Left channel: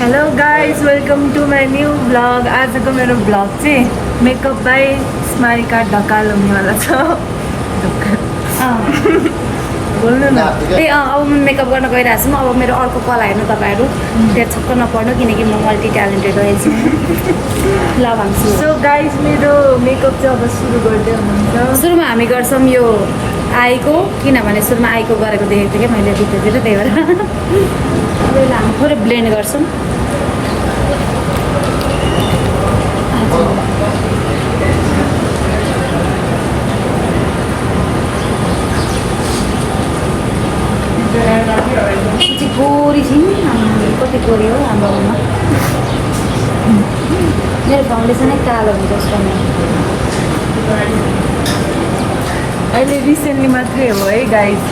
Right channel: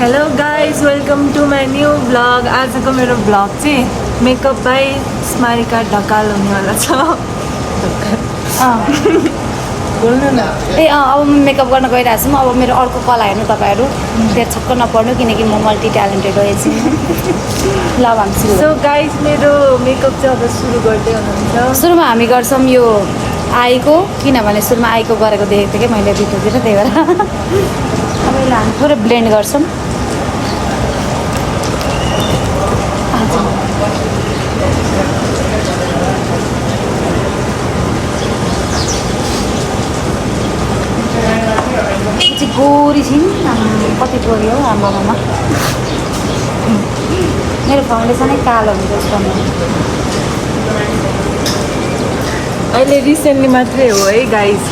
Hello guys welcome to my new blog. आजको मेरो blog चाहिँ मेकअप बाई स्मारिका ढकाल हुनेवाला छ। बोल्नु न। अब मेकअप गर्न गइरहेको छु। अब मेरो अर्को कला हेर्नु तपाईँहरू, त्यो छक्क नपर्नु किनकि म मल्टी ट्यालेन्टेड रहेछु। ल भन्छु। सो गाइज मेरो मेकअप चाहिँ अब सुरु गर्दै हुनुहुन्छ। सुरुमा हामी गर्छौँ यो आईको, किनभने सुरुमा आईको गरेको देखेको थिएँ कि मैले भिडियोतिर, त्यही भएर अब यसलाई हामी थोरै ब्लेन्ड गर्छौँ। गोरी छ नि, कति गोरी हो हाम्रोमा। मेरो फाउन्डेसनै कालो हुन्छ यसको। अहिले रिसेन्टली मात्रै हो है गाइज,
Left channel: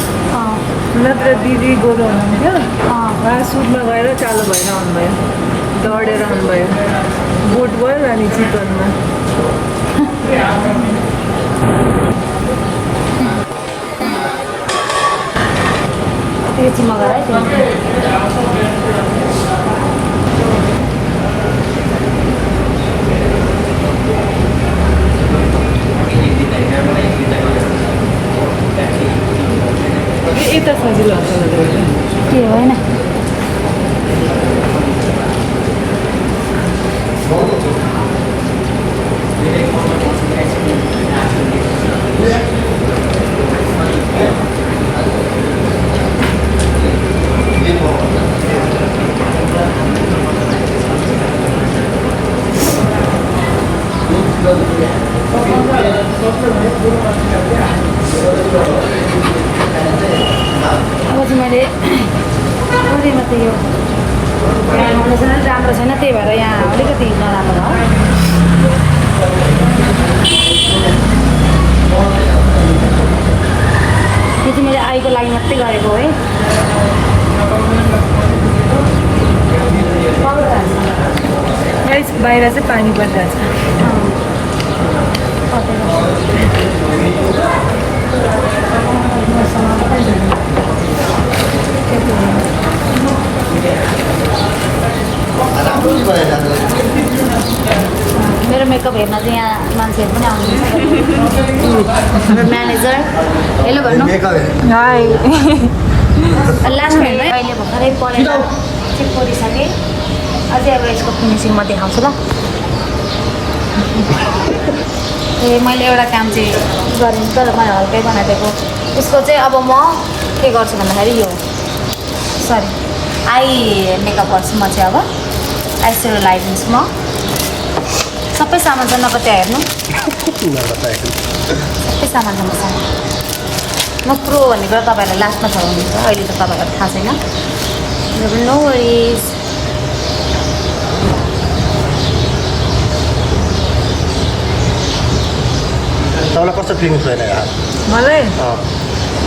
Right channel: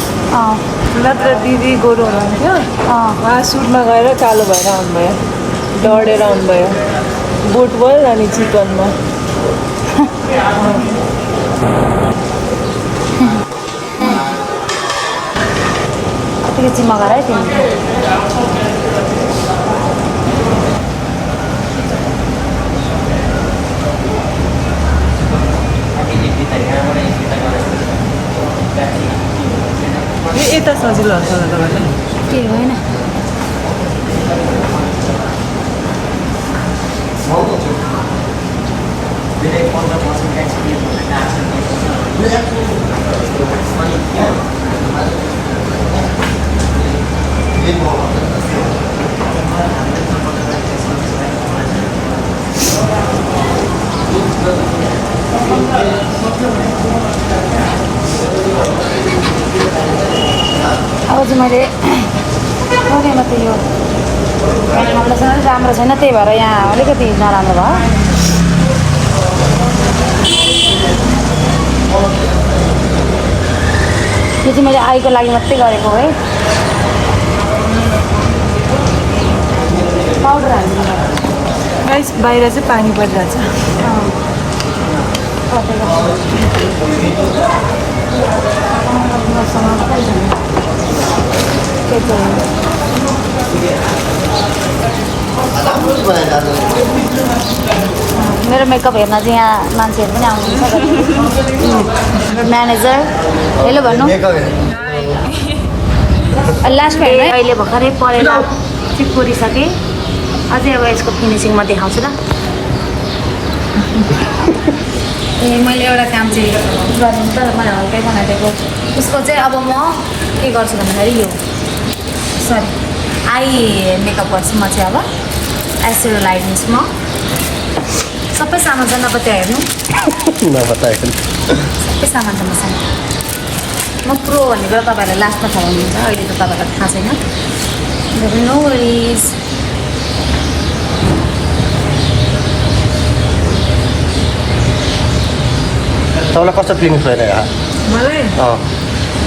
नत्र दिदी गोरो हुनुहुन्थ्यो, उहाँ सुटमा गएर कालो भएर आउनुभयो, डढेर आउनुभयो, बोट भयो जाने चिकनमा। त्यो चाहिँ मलाई है यता सजिलो हुन्छ होला तपाईँलाई। के होइन अब चाहिँ मैले गरेमा त यो फाउन्डेसन राम्रो छैन, त्यही भएर यहाँ अलिकति नराम्रो भयो। यो चाहिँ मैले आईको लागि मात्रै गरेको है। पाउडर हाल्नु गाइस बाहिर चाहिँ पानी परिरहेछ। मेरो मेकअप हेर्न चाहिँ यहाँ मान्छेहरू पनि आउनुहुन्छ। म्यानेजर हेलो भन्नु। हाई। लास्ट अहिले भर्खरै परेर चिप परिसकेँ। अझै अब यसको फिनिसिङ म देखाउँछु ल। ए मैले एउटा काम चाहिँ गर्नु तर मैले हल्कै बनाइदिएको। उसको चाहिँ अब म के गर्छु भन्दाखेरि यो सरी आई मेकअप गर्छु म चाहिँ। अब आइसेडो लगाइदिन्छु म। सबै सामान छ, नकति हेर्नु सबै सामान छ मसँग। म प्रो भनेको तपाईँहरूलाई लास्टमा थाहा हुनुहुन्छ, अहिले त तपाईँलाई थाहा छैन। No worries. तपाईँलाई कस्तो फिलिङ्स भइरहेको? मलाई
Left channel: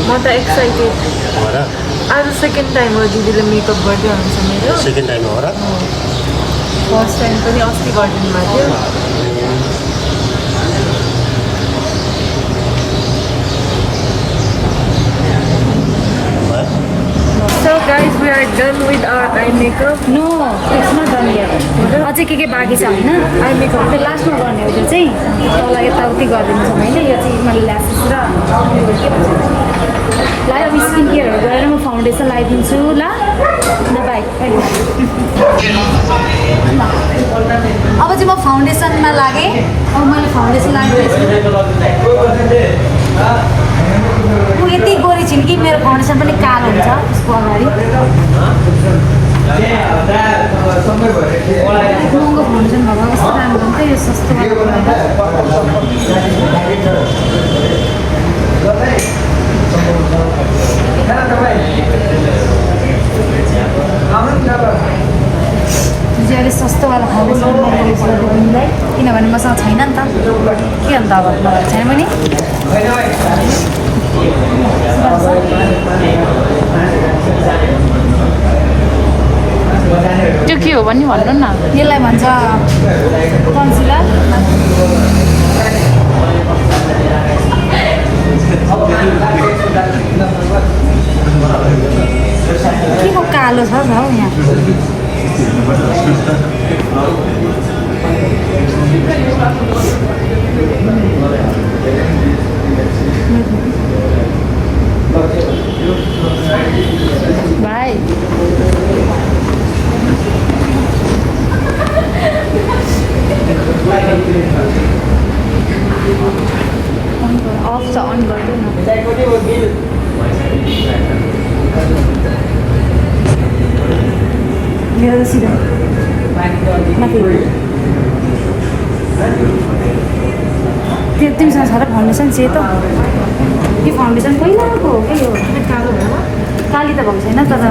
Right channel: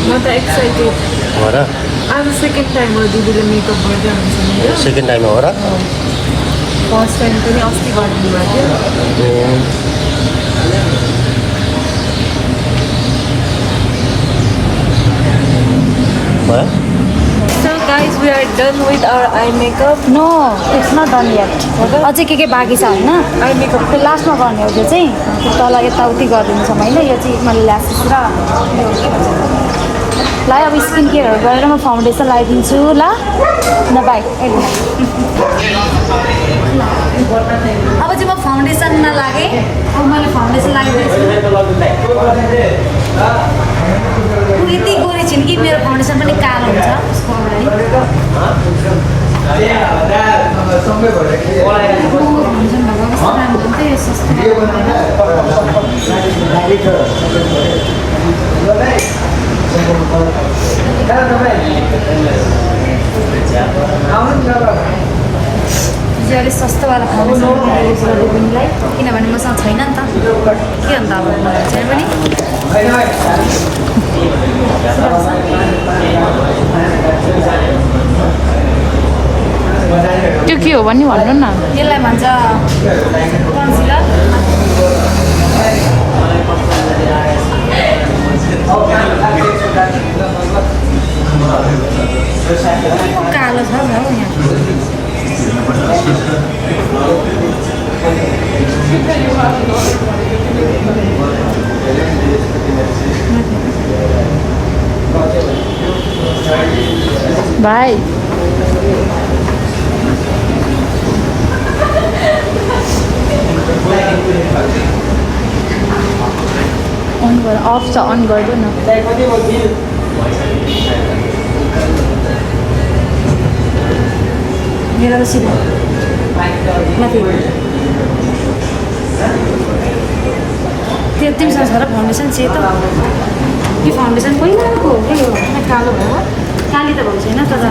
म त एक्साइटेड हो र? आज सेकेन्ड टाइम हो दिदीले मेकअप गर्दै हुन्छ मेरो। सेकेन्ड टाइम हो र? फर्स्ट टाइम पनि अस्ति गरिदिनु भएको थियो। So guys, we are done with our eye makeup. No it's not done yet. अझै के बाँकी छ होइन। आई मेकअप त्यो लास्टमा गर्ने हो त्यो चाहिँ। त्यो तल यताउति गरिदिनु छ मैले। यो चाहिँ मैले ल्यासेस र ल अब स्किन केयरहरू गरेर म फाउन्डेसन लगाइदिन्छु ल। बाई। ल अब चाहिँ म फाउन्डेसनमा लागेँ। अब मैले फाउन्डेसन लगाइदिन्छु। ऊ यति गोरी छिन् कि मेरो फाउन्डेसन पनि कालो हुन्छ उसको अगाडि। महँगो फाउन्डेसन भएको कस्तो राम्रो हुन्छ यो सस्तो। अलिक सस्तोवाला फाउन्डेसन युज गर्छु तिमीलाई, किनभने मसँग छैन नि त। के अन्त अब नभएको छैन पनि। त्यो के हो भन्ने भन्नु न। यसलाई भन्छ कन्सिलर। के को कालो छ हौ यहाँ। भाइ अन गर अफ छ अन गर्दो न मेरो त सिधा माथि त्यो तिमीसँग छ र फाउन्डेसन सेतो यो फाउन्डेसन पहिलाको हो क्या यो कालो भयो काली त भएको छैन तर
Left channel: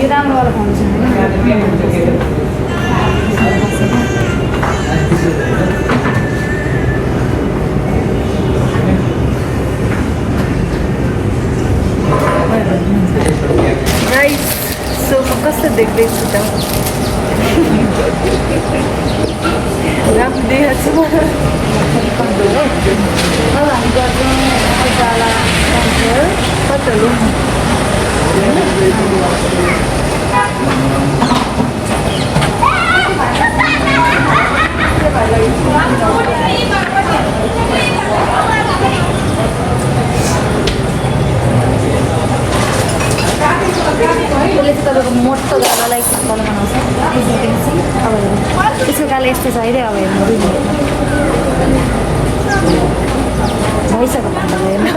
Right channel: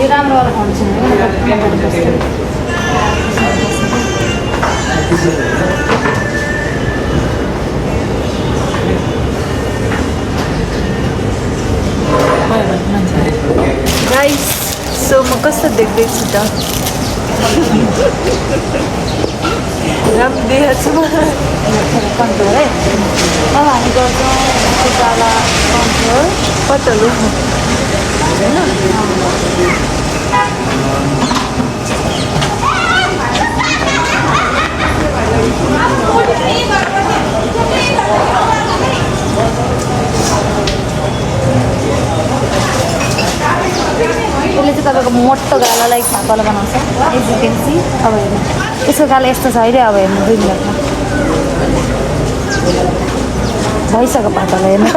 यो राम्रोवाला फाउन्डेसन हो गाइस सो म कस्तो देख्दैछु त राम्रो देखाएको छु मलाई कताले यसले चाहिँ तपाईँको मोटो गालालाई गला बनाउँछ त्यसको गाला यस्तो छ अहिले अब हेर्नु 2 मिनटमा भइसक्यो पाटाले हेर्नु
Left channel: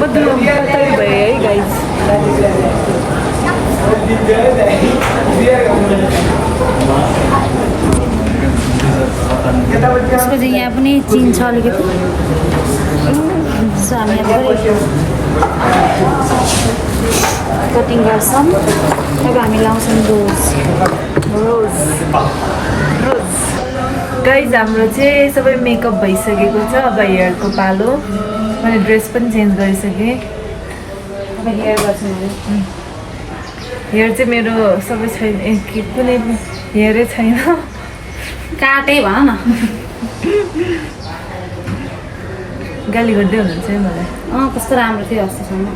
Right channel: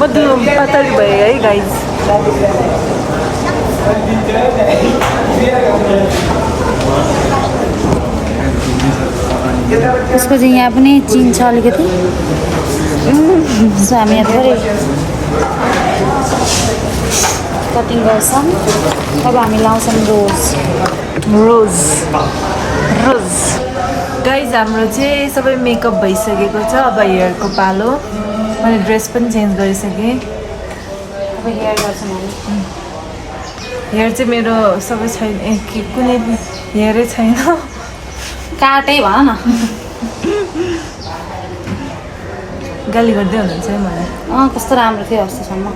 मतलब पतल भयो है गाइस त्यसको चाहिँ यहाँ पनि चिन छ अलिकति सो हामी यहाँ कटिङ गर्छौँ अब हामी लाउँछौँ रोज गाइज हाम्रो चाहिँ सबै मेकअप भइसकेको छ अब हेयरको पालो मैले ड्रेस पनि चेन्ज गरिसकेँ अब हेयर गर्छौँ हामी हेयर चाहिँ मेरो सबै छैन कुनै हेयरै छैन काटै भन न गाली गर्दै हुनुहुन्छ है मलाई कस्तो राम्रो थियो अस्तिसम्म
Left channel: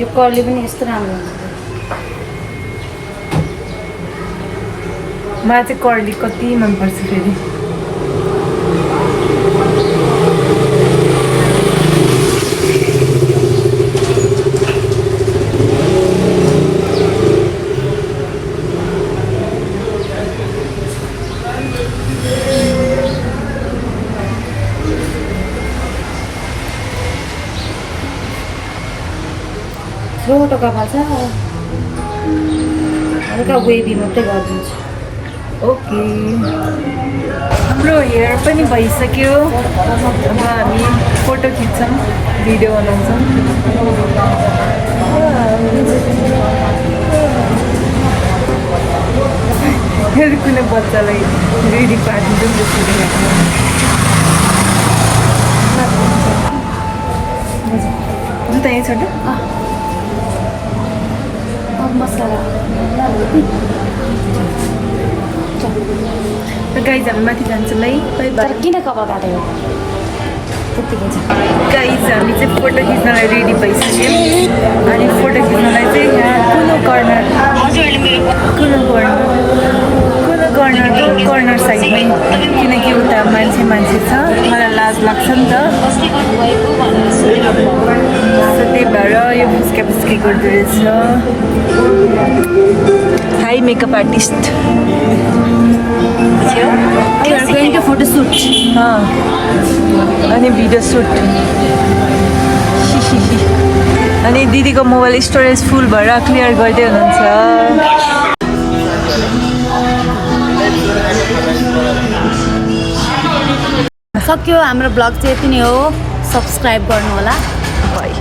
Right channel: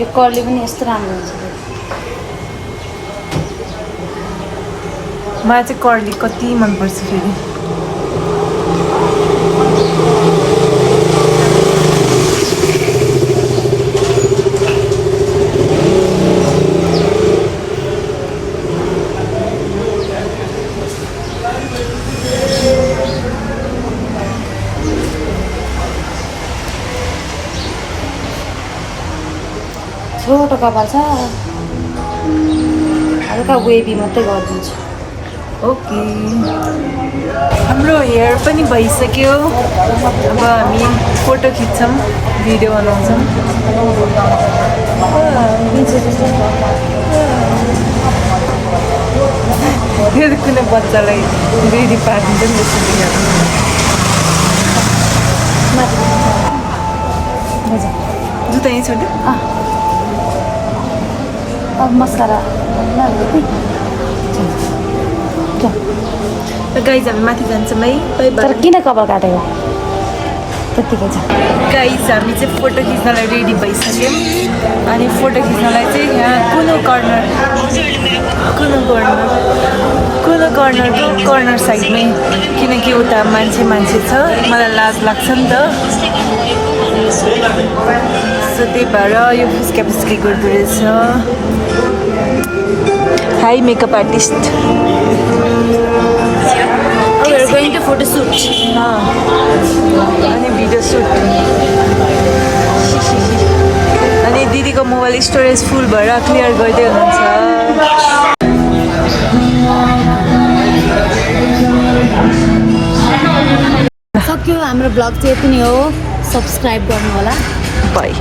यो कर्ली पनि यस्तो राम्रो हुन्छ मलाई चाहिँ कर्ली कति मनपर्छ फेरि छोटो कपाल छ हल्का वेभी मात्रै गरिदिन्छु ओके हाम्रो हेयर पनि भइसक्यो अब हामी फोटो खिच्छौँ भिडियो बनाउँछौँ कुनै बच्चालाई रेडी पारिदिन्छ नि त्यसरी देखाएर जुत्ता यहीँ छोड्यो मसला गाइज हामी माथि जान्छौँ है बाई बाई किन कपाल काटेको त्यतिकै छ गाइज हामी चाहिँ फोटो खिच्नलाई रेडी भइसक्यौँ अनि फोटो खिच्नलाई चाहिँ यहाँ कुनो कर्नर साइडमै किनकि उता मान्छे छ मलाई लाज लाग्छ नि त सो त्यही भएर यो फुस्का गर्दो रहेछ hi makeup artist going to photo shoot अनि भिडियो सुट अनि दिदीको मोबाइल स्टोरेज फुल भएर क्लियर गर्दै हुनुहुन्छ सक्यो हाम्रो ब्लग चाहिँ यति नै हो सब्सक्राइब गर्नु होला बाई